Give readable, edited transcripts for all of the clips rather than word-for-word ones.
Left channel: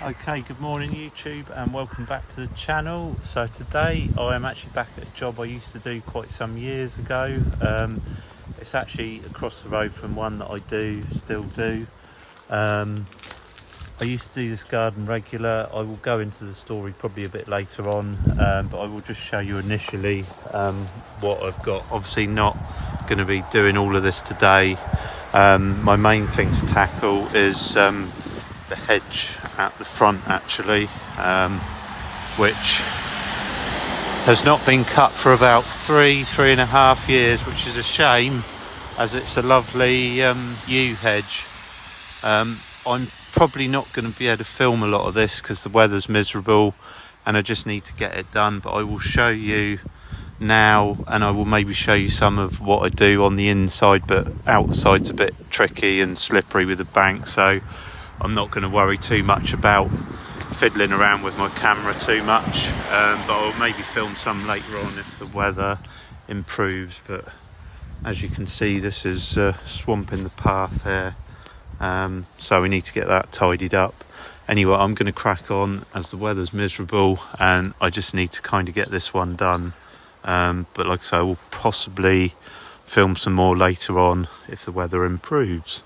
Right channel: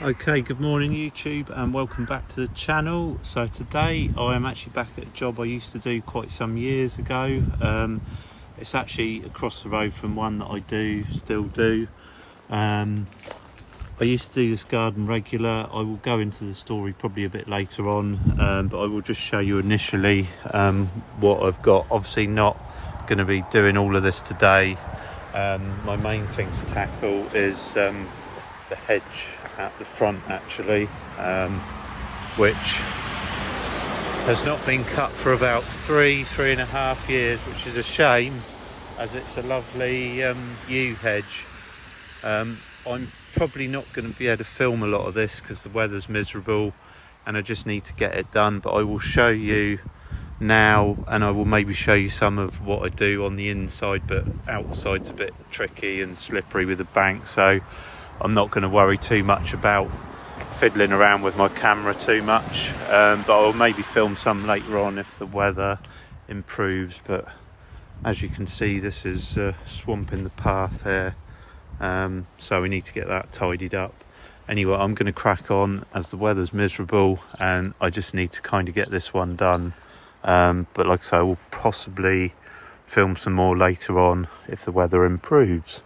Okay, good morning YouTube and welcome back to the channel. So today I am actually back at a job I used to do quite some years ago. It's actually across the road from one that I still do. I used to do this garden regular. I will go into the story probably a bit later on, but I will just show you initially what I've got. Obviously not going to be doing all of this today. My main thing to tackle is the hedge at the front actually, which has not been cut for about three and a half years, which is a shame as it's a lovely yew hedge. I'm probably not going to be able to film a lot of this because the weather's miserable and I just need to get it done, but I will show you now and I will maybe show you some of what I do on the inside, but outside's a bit tricky and slippery with the bank, so I'm not going to worry too much about fiddling around with my camera too much, but I'll maybe film some later on if the weather improves. But as you can see, this is swamp in the path here, so we need to get that tidied up. Anyway, I'm going to crack on as the weather's miserable and I just need to kind of get this one done, but like I say, I will possibly film some more later on if the weather improves.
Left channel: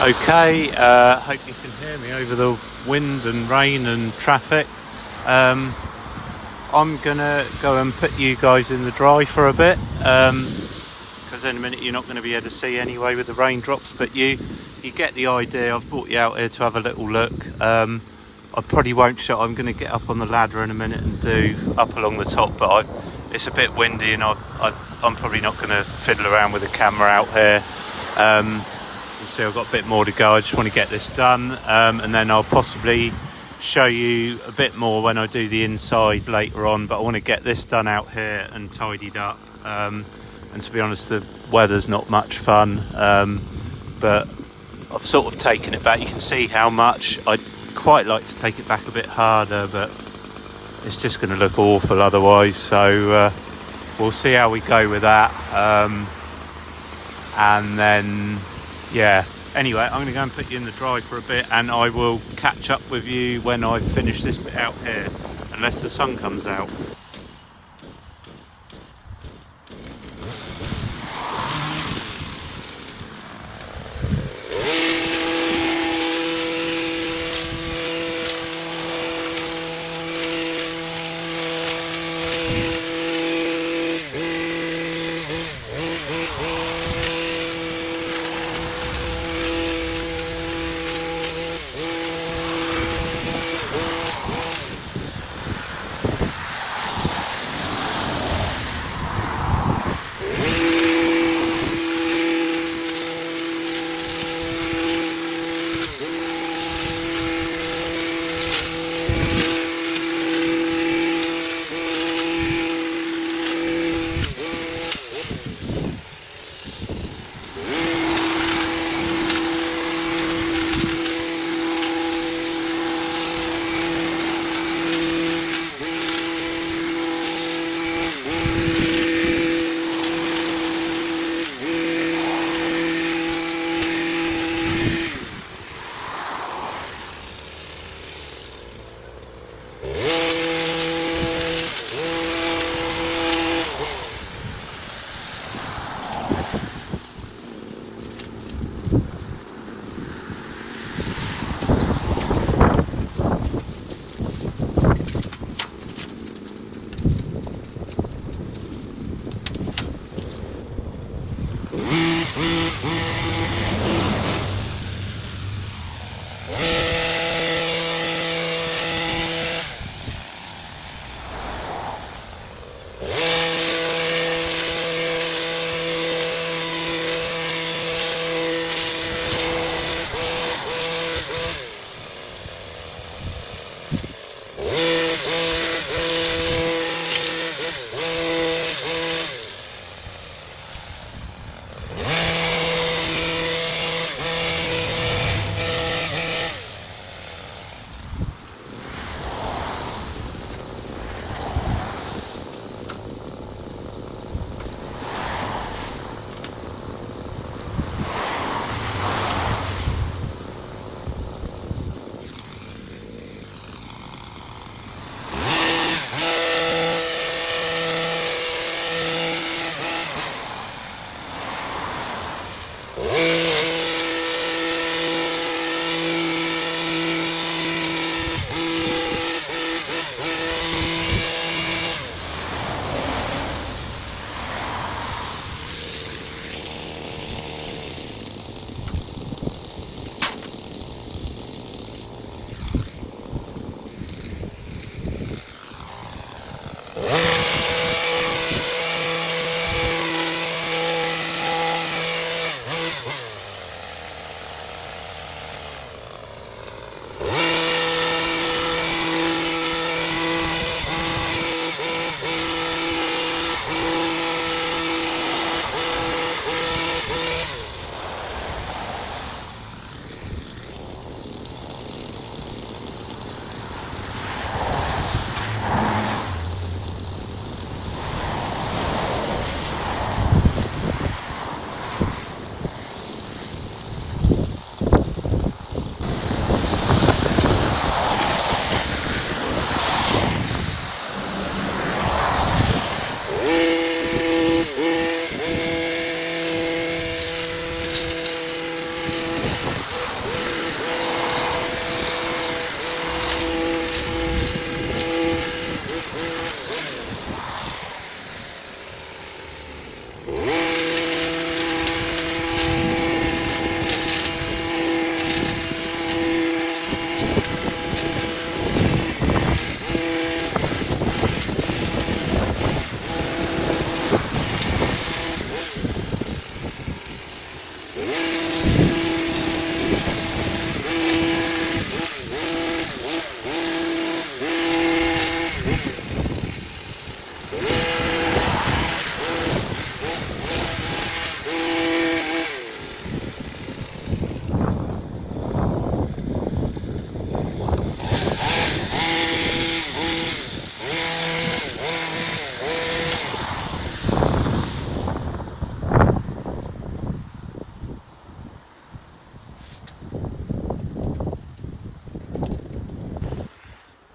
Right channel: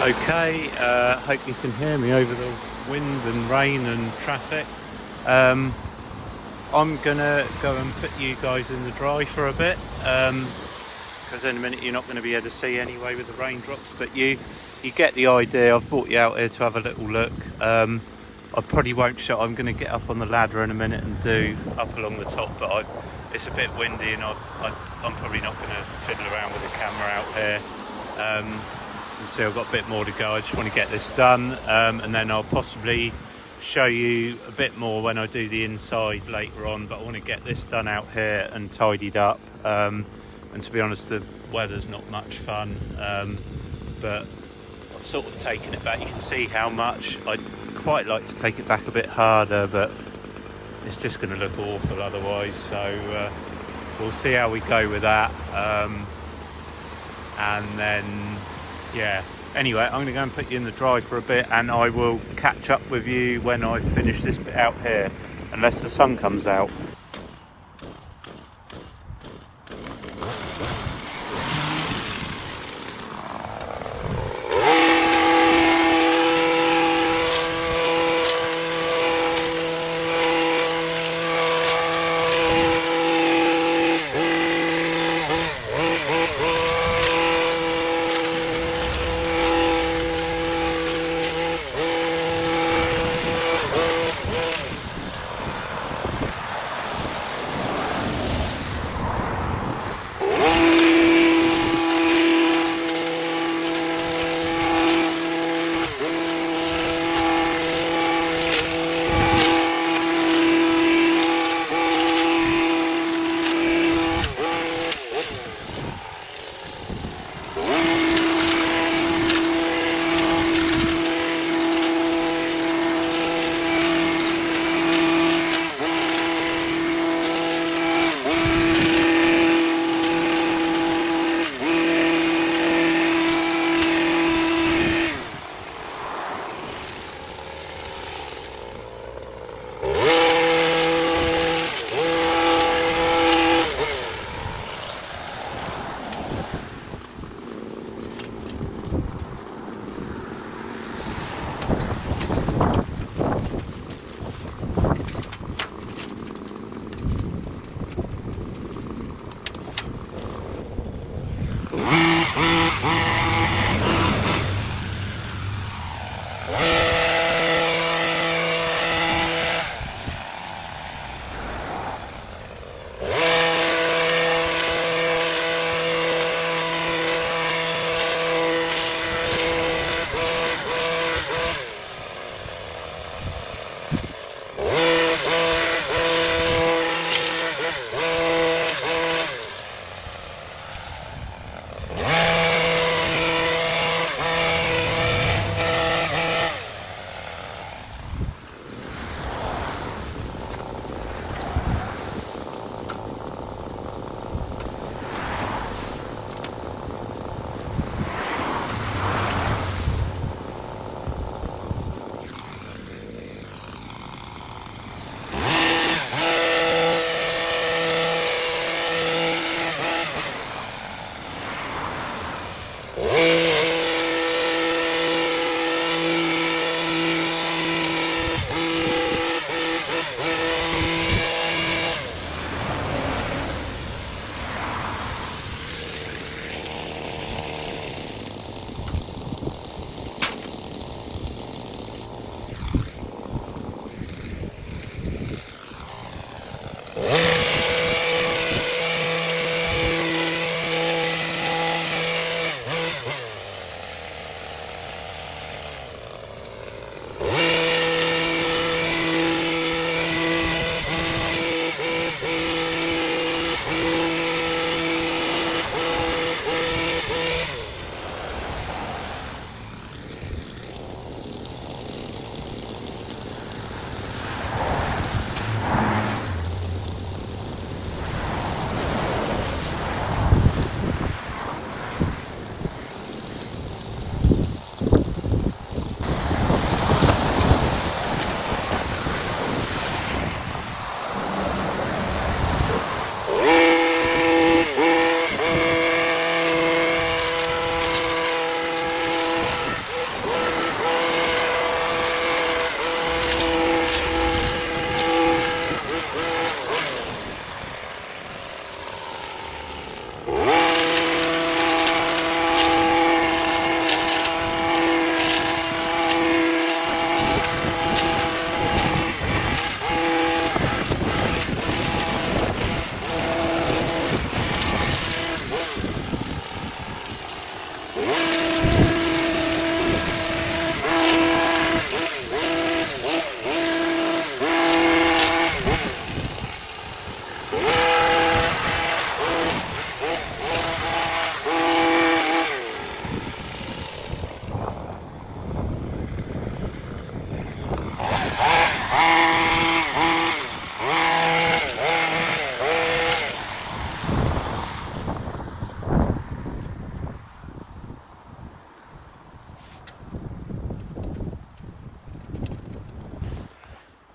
Okay, hope you can hear me over the wind and rain and traffic. I'm gonna go and put you guys in the dry for a bit, because in a minute you're not going to be able to see anyway with the raindrops, but you get the idea. I've brought you out here to have a little look. I probably won't show. I'm going to get up on the ladder in a minute and do up along the top, but it's a bit windy and I'm probably not going to fiddle around with the camera out here. You see I've got a bit more to go. I just want to get this done, and then I'll possibly show you a bit more when I do the inside later on, but I want to get this done out here and tidied up. And to be honest, the weather's not much fun, but I've sort of taken it back. You can see how much I'd quite like to take it back a bit harder, but it's just going to look awful otherwise, so we'll see how we go with that. And then anyway, I'm going to go and put you in the dry for a bit, and I will catch up with you when I finish this bit out here, unless the sun comes out.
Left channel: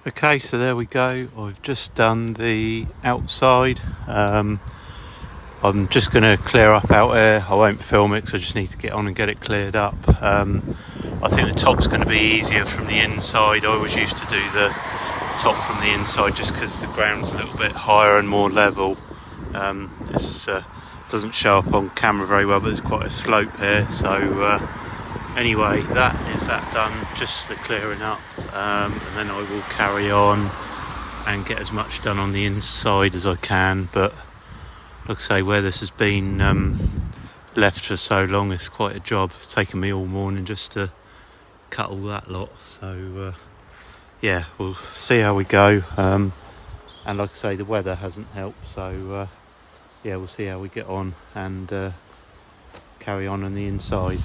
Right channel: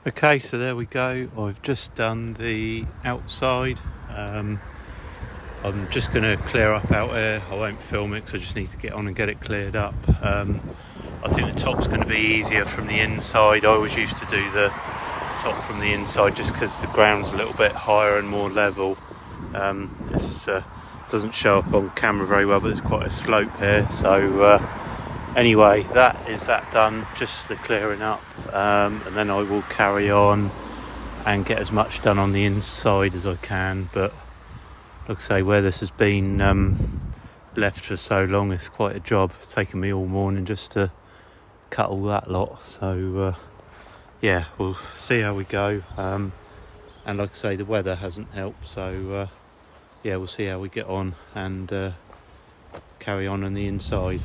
Okay, so there we go. I've just done the outside. I'm just going to clear up out here. I won't film it because I just need to get on and get it cleared up. I think the top's going to be easier from the inside. I always used to do the top from the inside just because the ground's a little bit higher and more level. This doesn't show up on camera very well, but there's quite a slope here. So anyway, that is that done, just the clearing up. And then I will carry on and get as much done on the inside as I can. But like I say, where this has been left for so long, it's quite a job. It's taken me all morning just to cut all that lot. So yeah, we'll see how we go. And like I say, the weather hasn't helped. So yeah, we'll see how we get on and carry on the inside.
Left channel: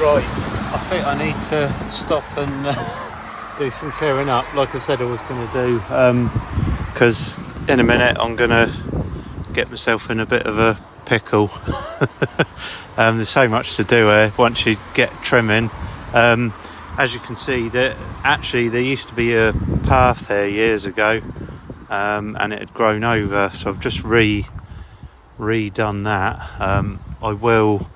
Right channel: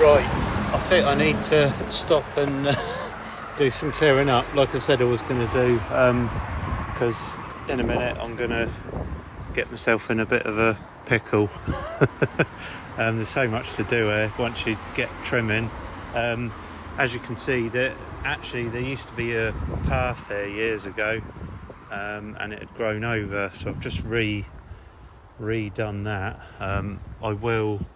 Right, I think I need to stop and do some clearing up, like I said I was going to do, because in a minute I'm going to get myself in a bit of a pickle. There's so much to do here once you get trimming. As you can see, there used to be a path here years ago, and it had grown over, so I've just redone that. I will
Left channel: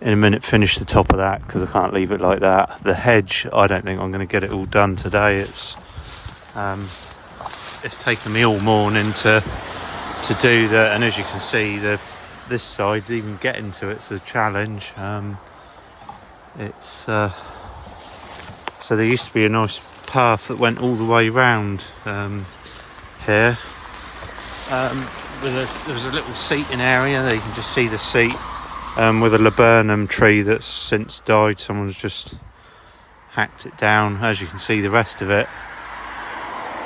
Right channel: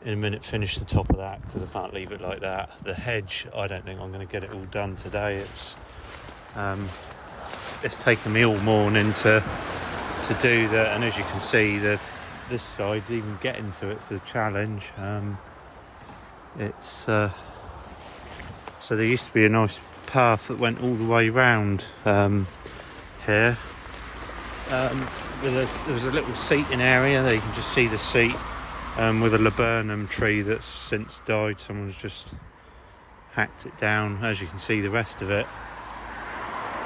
in a minute finish the top of that because I can't leave it like that. The hedge, I don't think I'm going to get it all done today. It's it's taken me all morning to do that, and as you can see, this side, even getting to it's a challenge. It's so there used to be a nice path that went all the way round here. There was a little seating area there. You can just see the seat with a laburnum tree that's since died. Someone's just hacked it down. As you can see, the rest of it,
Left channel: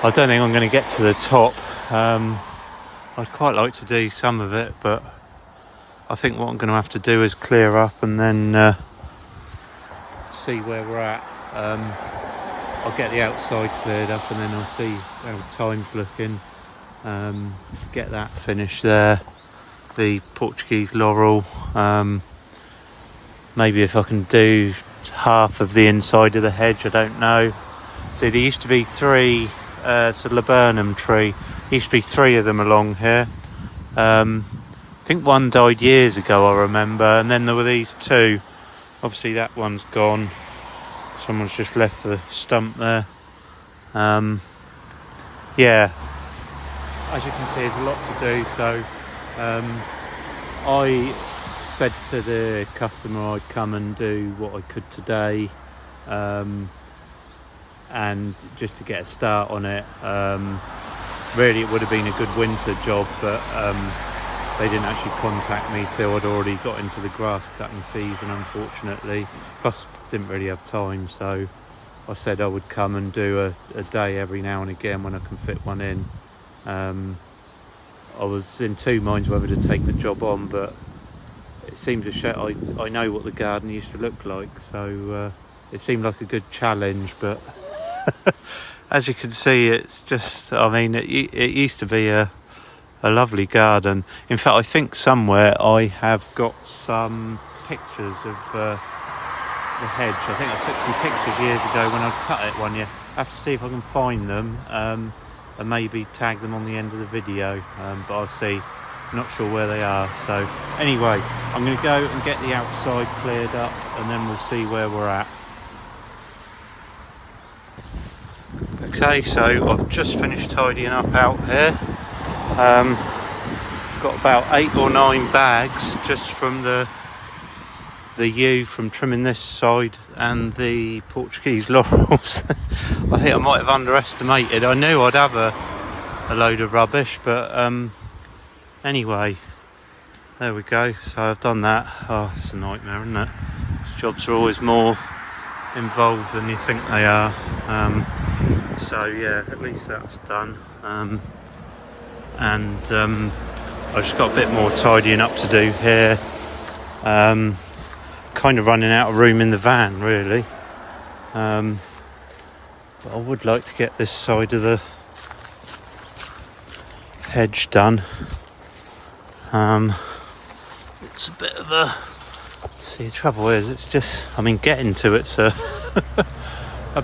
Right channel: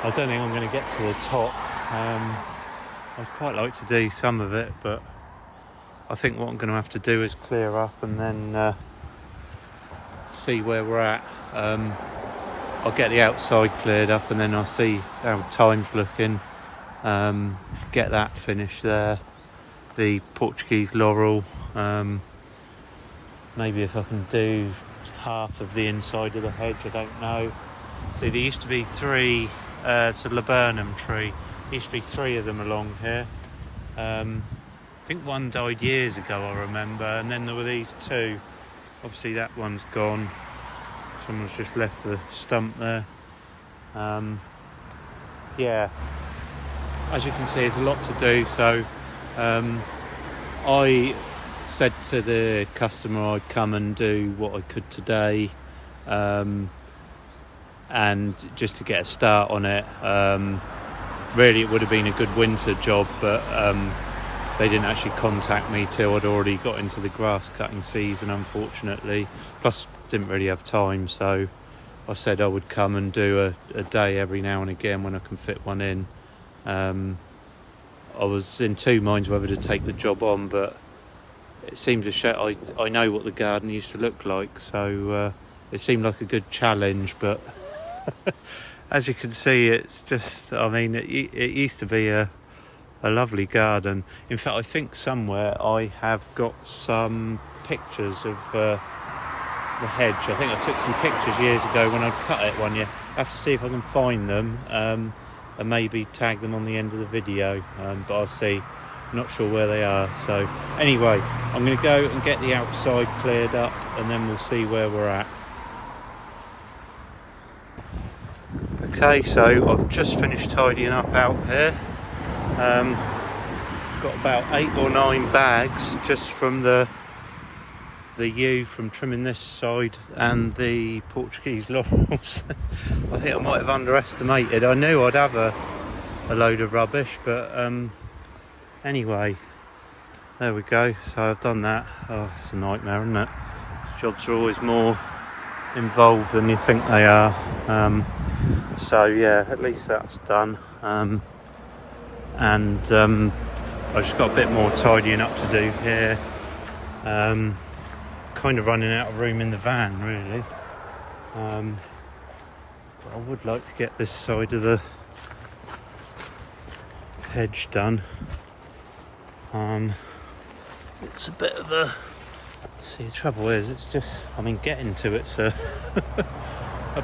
I don't think I'm going to get to the top. I'd quite like to do some of it, but I think what I'm going to have to do is clear up and then see where we're at. I'll get the outside cleared up and then I'll see how time's looking. Get that finished there. The Portuguese laurel. Maybe if I can do half of the inside of the hedge, I don't know. See, there used to be three, it's a laburnum tree. There used to be three of them along here. I think one died years ago, I remember, and then there were these two. Obviously that one's gone. Someone's just left the stump there. Yeah, as you can see, there's a lot to do. So I said to the customer I'd come and do what I could today, and just to get a start on it. Really, it would have been a good winter job, but they didn't actually contact me till I'd already got into the grass cutting season, unfortunately. Plus, didn't really have time, so I said I would come and do a day every now and again when I can fit one in. I was in two minds whether to take the job on, but it seemed to show I know what the garden used to look like, so it seemed like a good challenge. But as you can see, it's just, I mean, it used to be a lovely garden. In fact, I think somewhere I have got some pictures of the hedge. I think I took some pictures years ago when I cut it one year. I have to see if I can find them and maybe tag them on the end of the video, but I'll see. Not sure where they are. So anyway, I'm going to go and get the outside cleared up and then we'll see where we're at. Okay, so I've just finished tidying up out here. Got about 8 or 9 bags just from the yew from trimming this side and the Portuguese laurels. I think I might have underestimated. I knew I'd have a load of rubbish, but anyway, there we go. So I've done that. Oh, it's a nightmare, isn't it? Jobs are always more involved than you think they are. So yeah, at least that's done. And I've just got a bit more tidying up to do here. Kind of running out of room in the van, really. But I would like to get this side of the hedge done. It's a bit of a, see, the trouble is, it's just, I mean, getting to it's a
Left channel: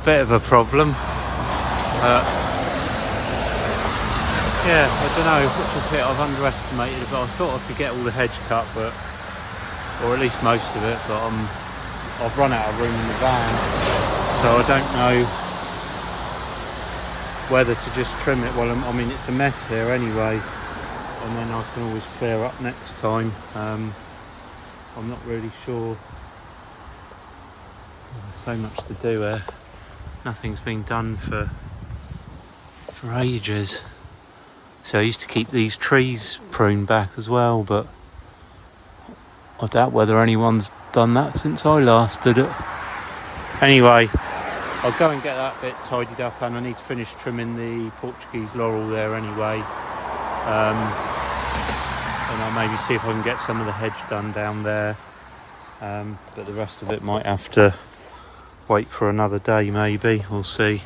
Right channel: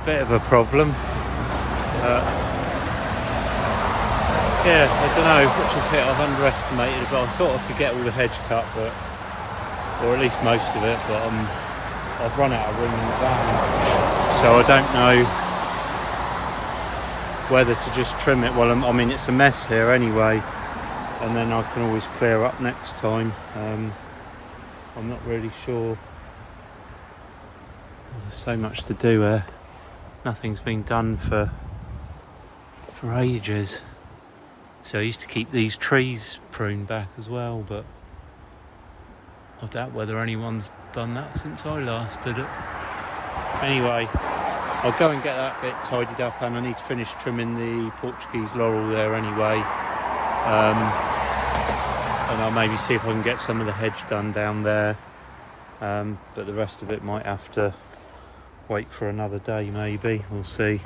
bit of a problem. Yeah, I don't know which is it. I've underestimated it, but I thought I could get all the hedge cut, but, or at least most of it, but I've run out of room in the van, so I don't know whether to just trim it. Well, I mean, it's a mess here anyway, and then I can always clear up next time. I'm not really sure. There's so much to do. Nothing's been done for ages. So I used to keep these trees pruned back as well, but I doubt whether anyone's done that since I last did it. Anyway, I'll go and get that bit tidied up, and I need to finish trimming the Portuguese laurel there anyway. And I'll maybe see if I can get some of the hedge done down there. But the rest of it might have to wait for another day, maybe. We'll see.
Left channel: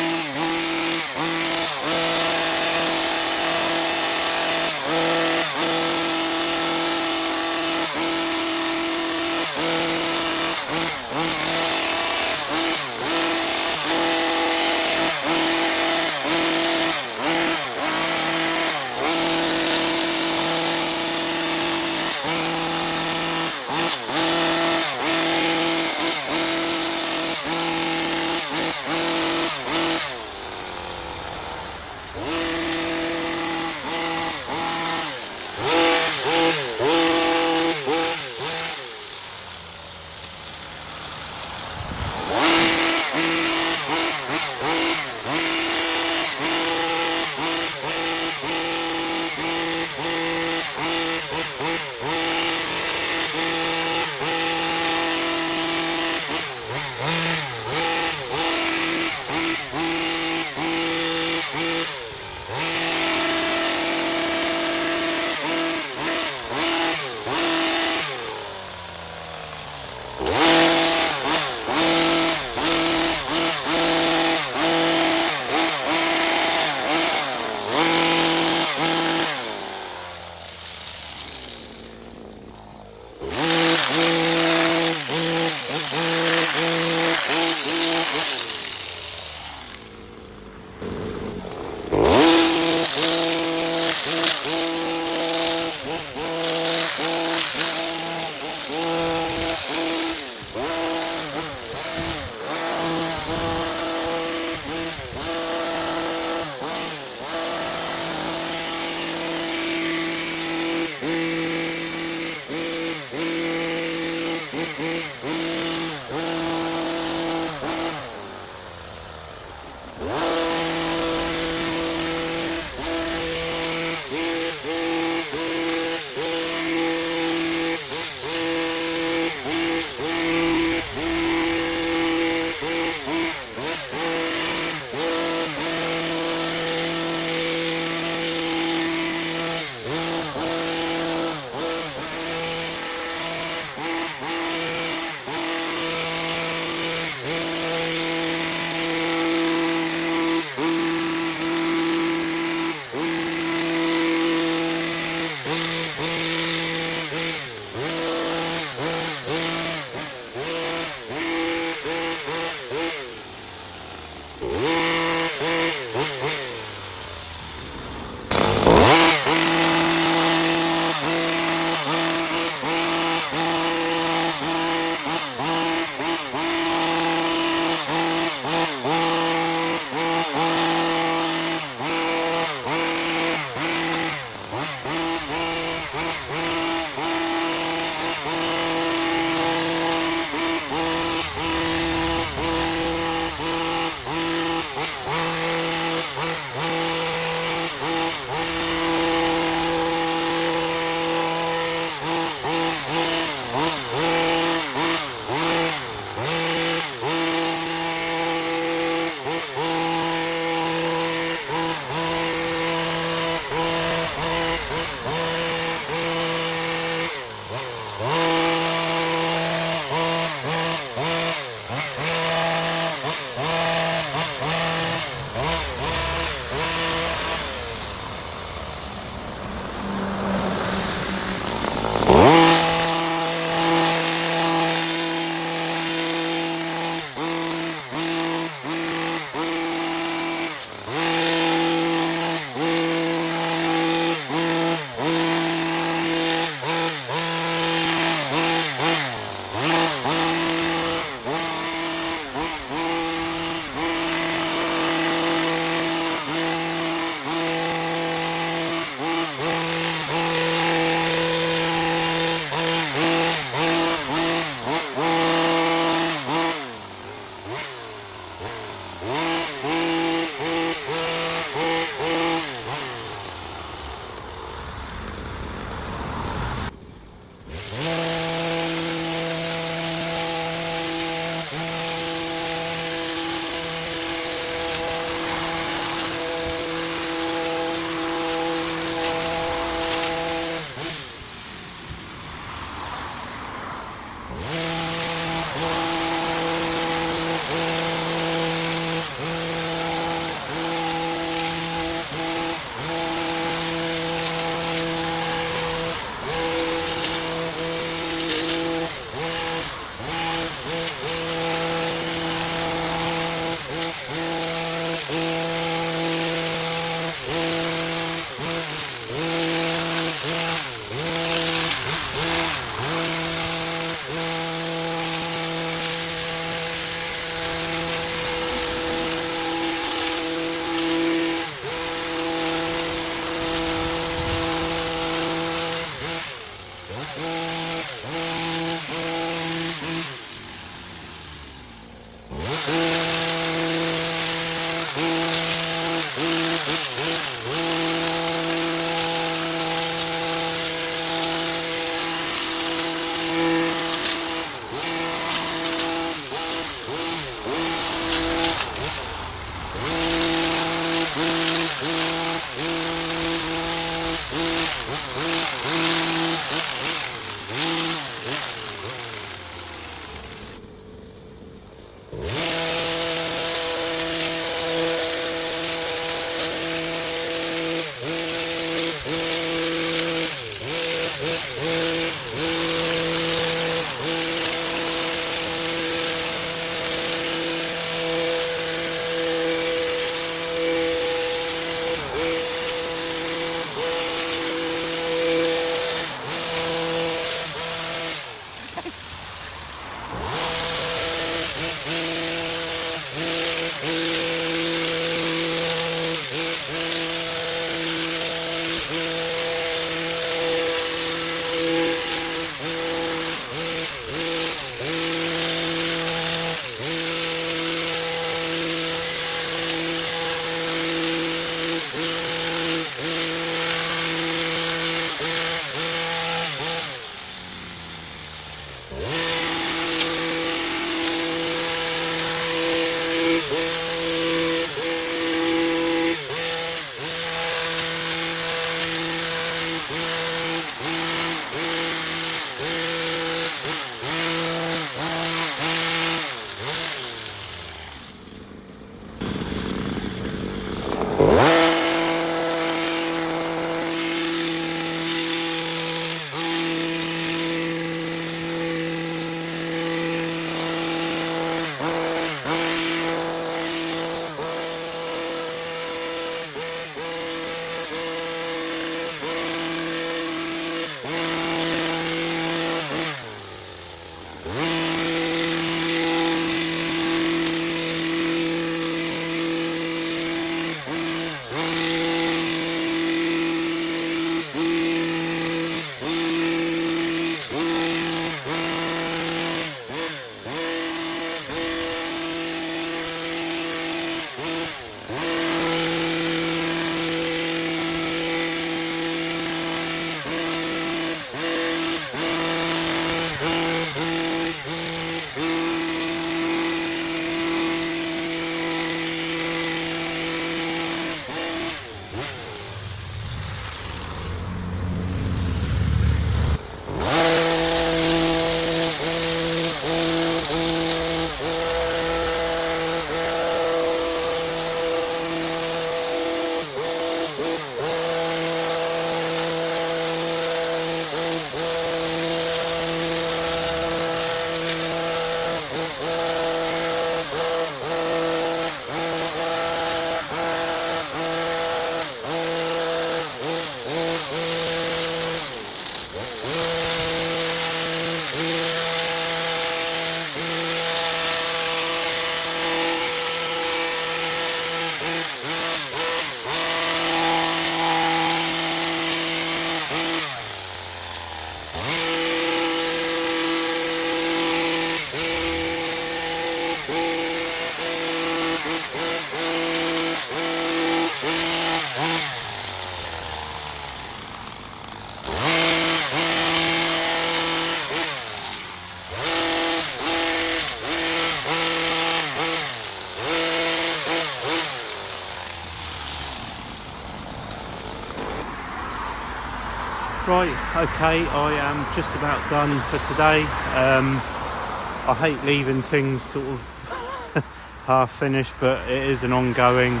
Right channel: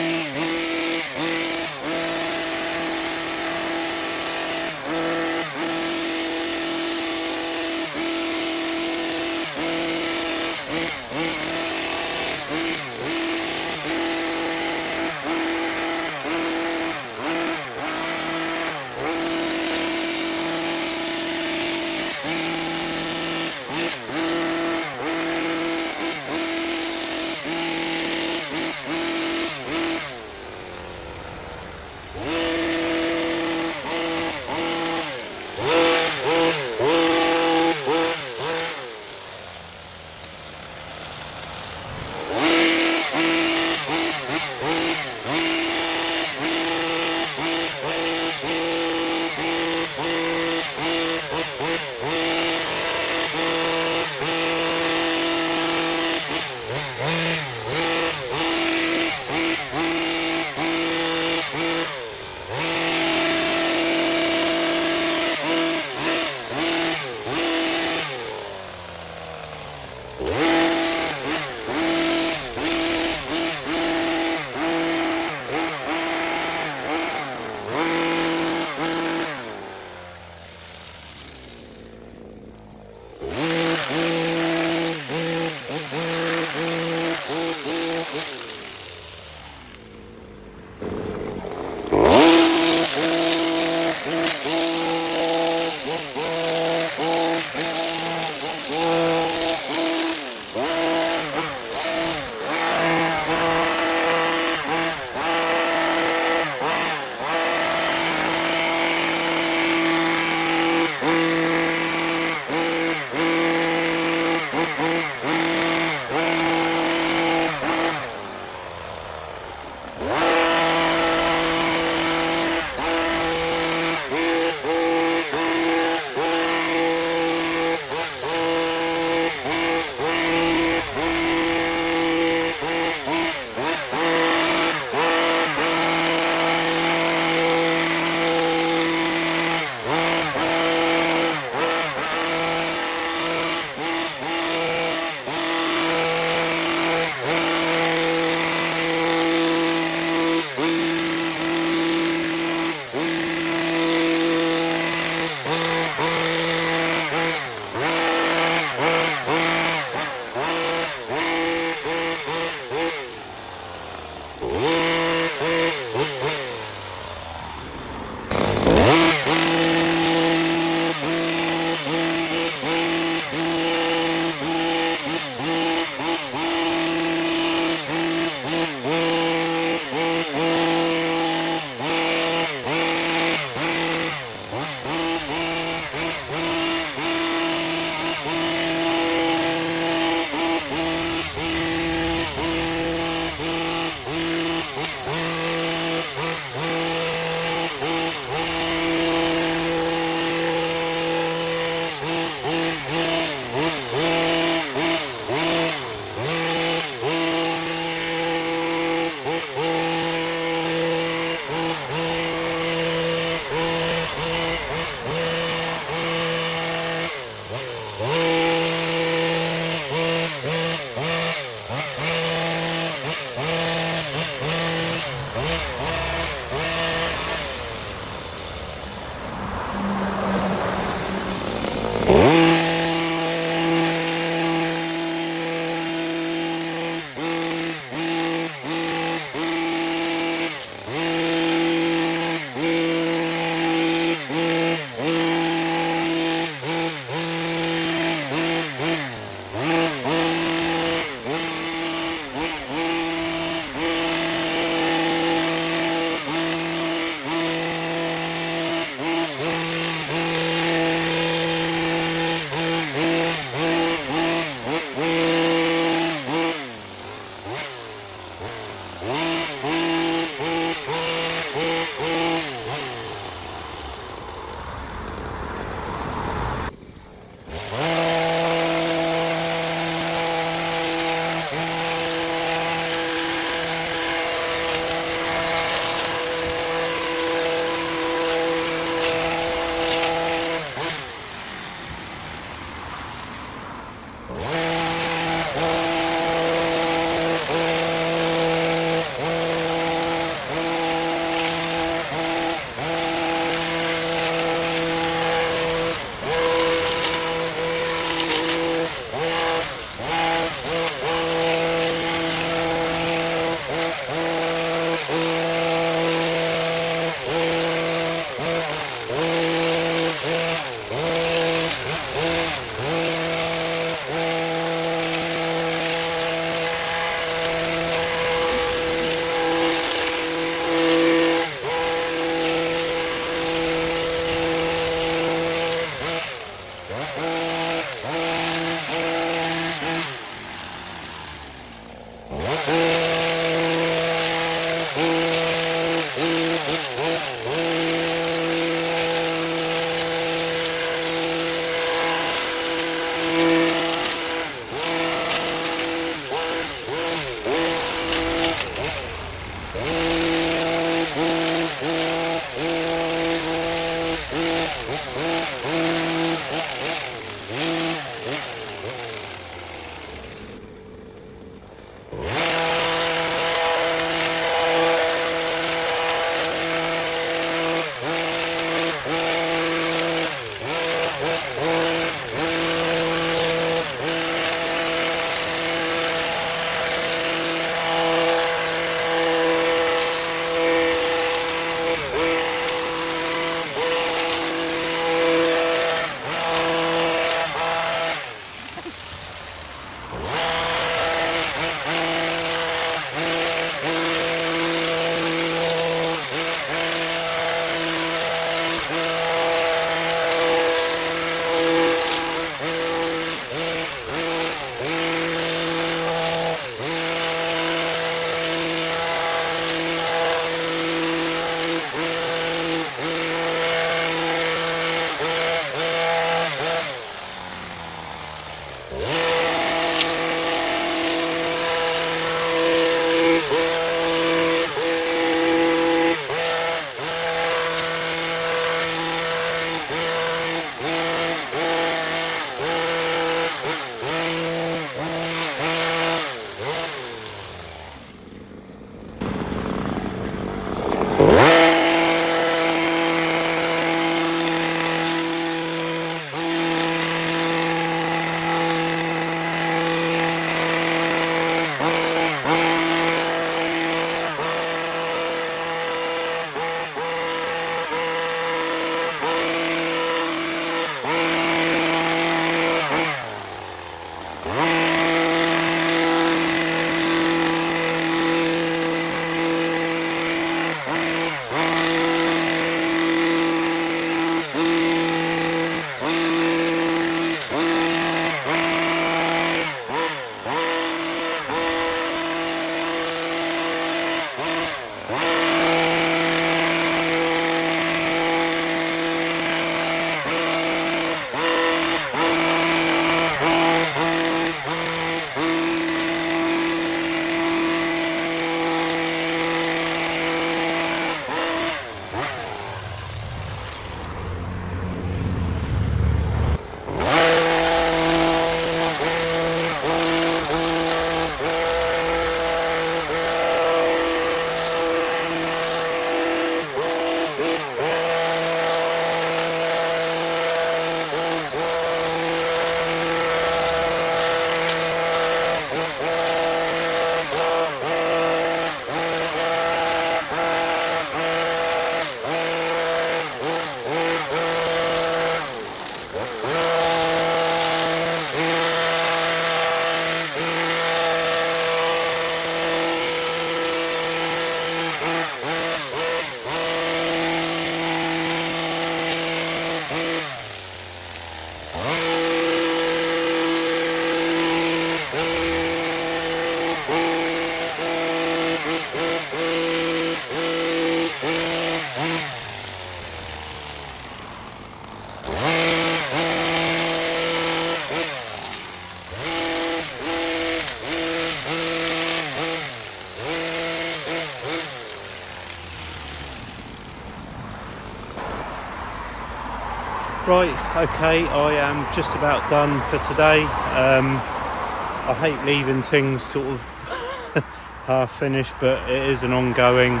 Right, okay, I am just about done for today. I hate leaving things sort of half finished, but it is an ongoing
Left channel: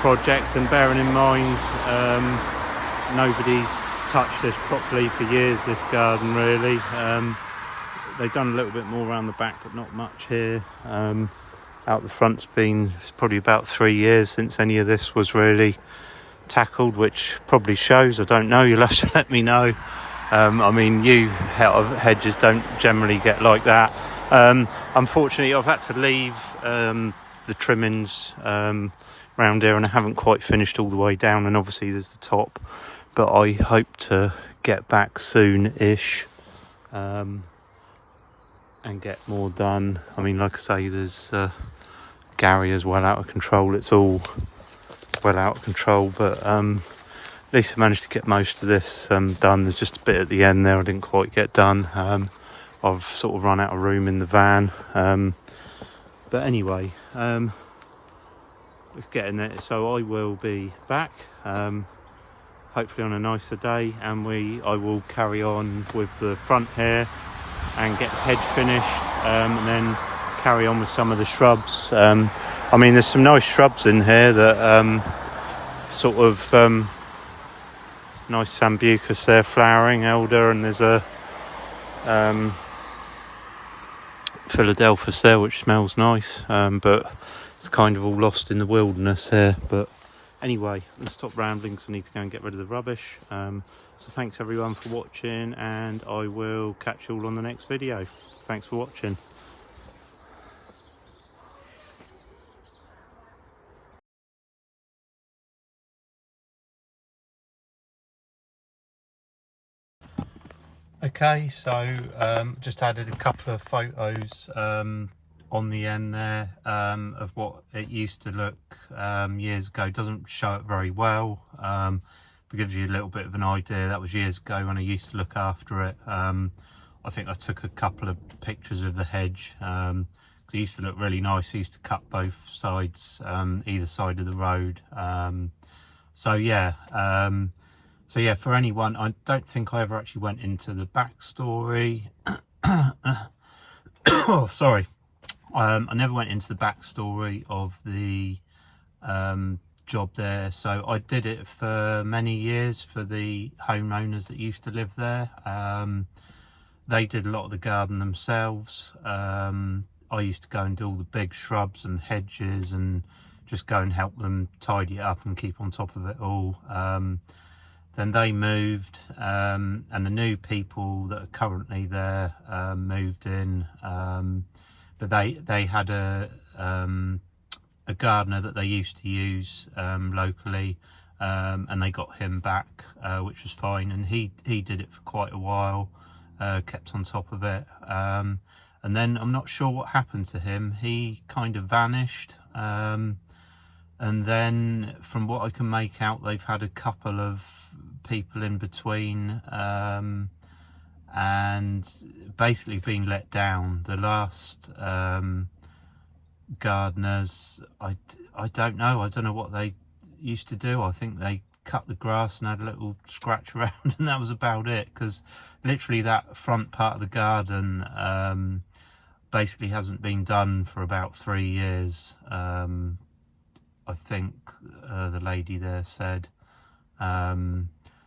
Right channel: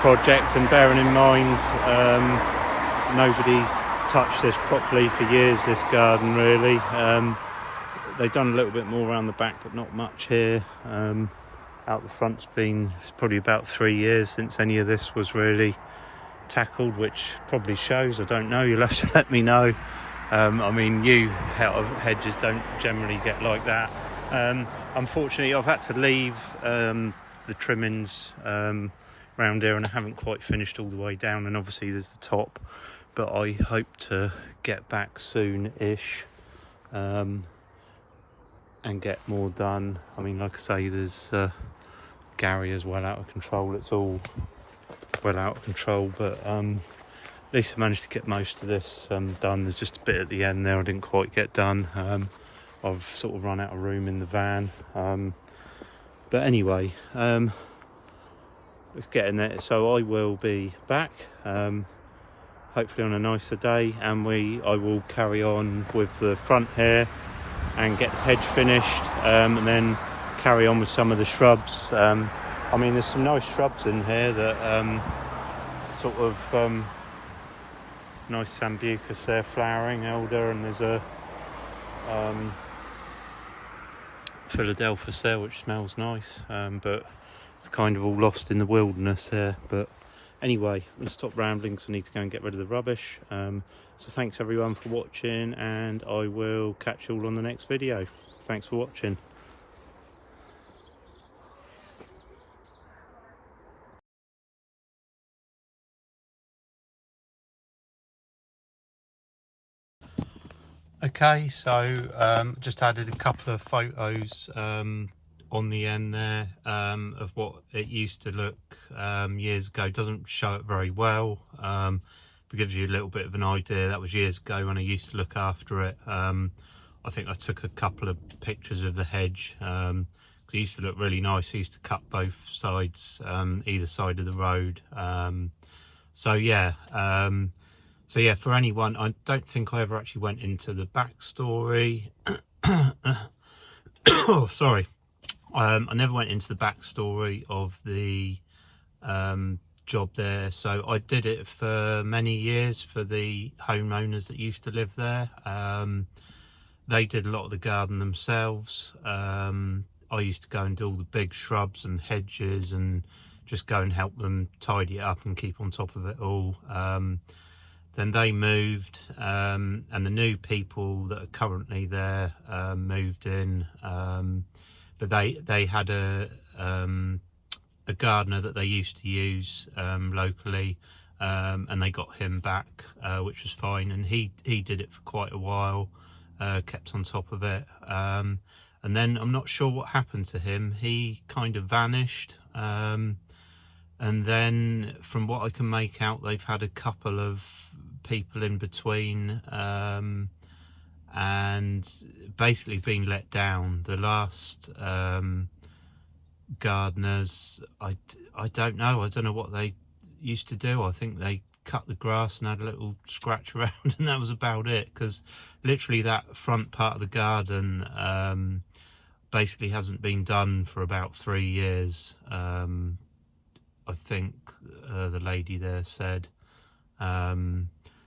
project, and bearing in mind nobody's touched this properly for years, this garden really. They've done a little bit more around the back, but not much here. Out the front's been probably about 3 years since any of this was really tackled, which probably shows. I don't know, you'll have to let me know. I mean, you hedges don't generally get like that. Unfortunately, I've had to leave the trimmings round here, and I haven't quite finished all the way down, and obviously there's the top, but I hope to get back soon-ish and get more done. I mean, like I say, there's Gary is well out of control. It's all well out of control, but at least I managed to get most of this done. There's just a bit at the end there I didn't quite get done. I've sort of run out of room in the van, but anyway, it's getting there. So I will be back hopefully on a nicer day, and I will carry on with the front here and get the hedge finished, and then carry on with some of the shrubs. I mean, there's some nice shrubs in here that sort of nice sambucus there flowering, elder, and there's a Philadelphus there which smells nice, but it's kind of all lost in the wilderness here. But anyway, let's stop rambling because I need to go and get rid of the rubbish. So thanks everyone for watching, and I will catch you all on the next video. Thanks for watching. Okay, so just added a couple of photos on the end there of what it used to look years ago. Doesn't show it very well, but gives you a little bit of an idea. That was years ago when I used to look after it. I think I took a couple of pictures of the hedge. It used to look really nice. I used to cut both sides, either side of the road. So yeah, for anyone, I don't think I ever actually went into the backstory. Oh, sorry. I never went into the backstory of the job there. So I did it for many years for the homeowners that used to live there. They did a lot of the garden themselves. I used to go and do all the big shrubs and hedges and just go and help them tidy it up and keep on top of it all. Then they moved, and the new people that are currently there moved in, but they had a gardener that they used to use locally, and they got him back, which was fine, and he did it for quite a while, kept on top of it, and then I'm not sure what happened to him. He kind of vanished, and then from what I can make out, they've had a couple of people in between, and basically been let down. The last gardeners, I don't know what they used to do. I think they cut the grass and had a little scratch around, and that was about it, because literally that front part of the garden basically hasn't been done for about 3 years. I think the lady there said.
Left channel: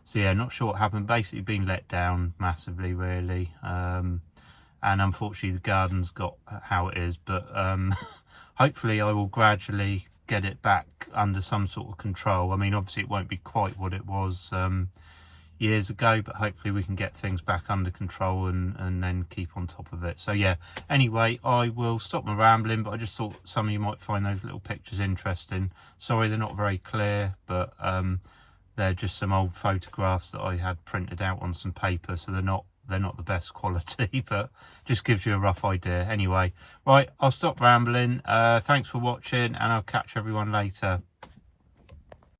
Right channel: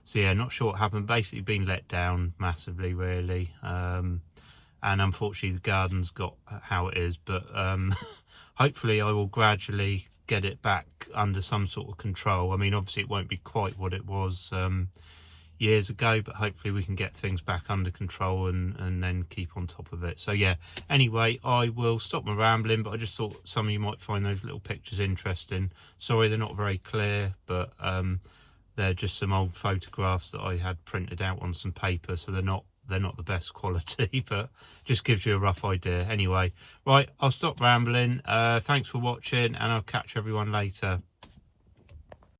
So yeah, not sure what happened. Basically been let down massively, really. And unfortunately the garden's got how it is, but hopefully I will gradually get it back under some sort of control. I mean, obviously it won't be quite what it was years ago, but hopefully we can get things back under control and then keep on top of it. So yeah, anyway, I will stop my rambling, but I just thought some of you might find those little pictures interesting. Sorry they're not very clear, but they're just some old photographs that I had printed out on some paper, so they're not the best quality, but just gives you a rough idea. Anyway, right, I'll stop rambling. Thanks for watching, and I'll catch everyone later.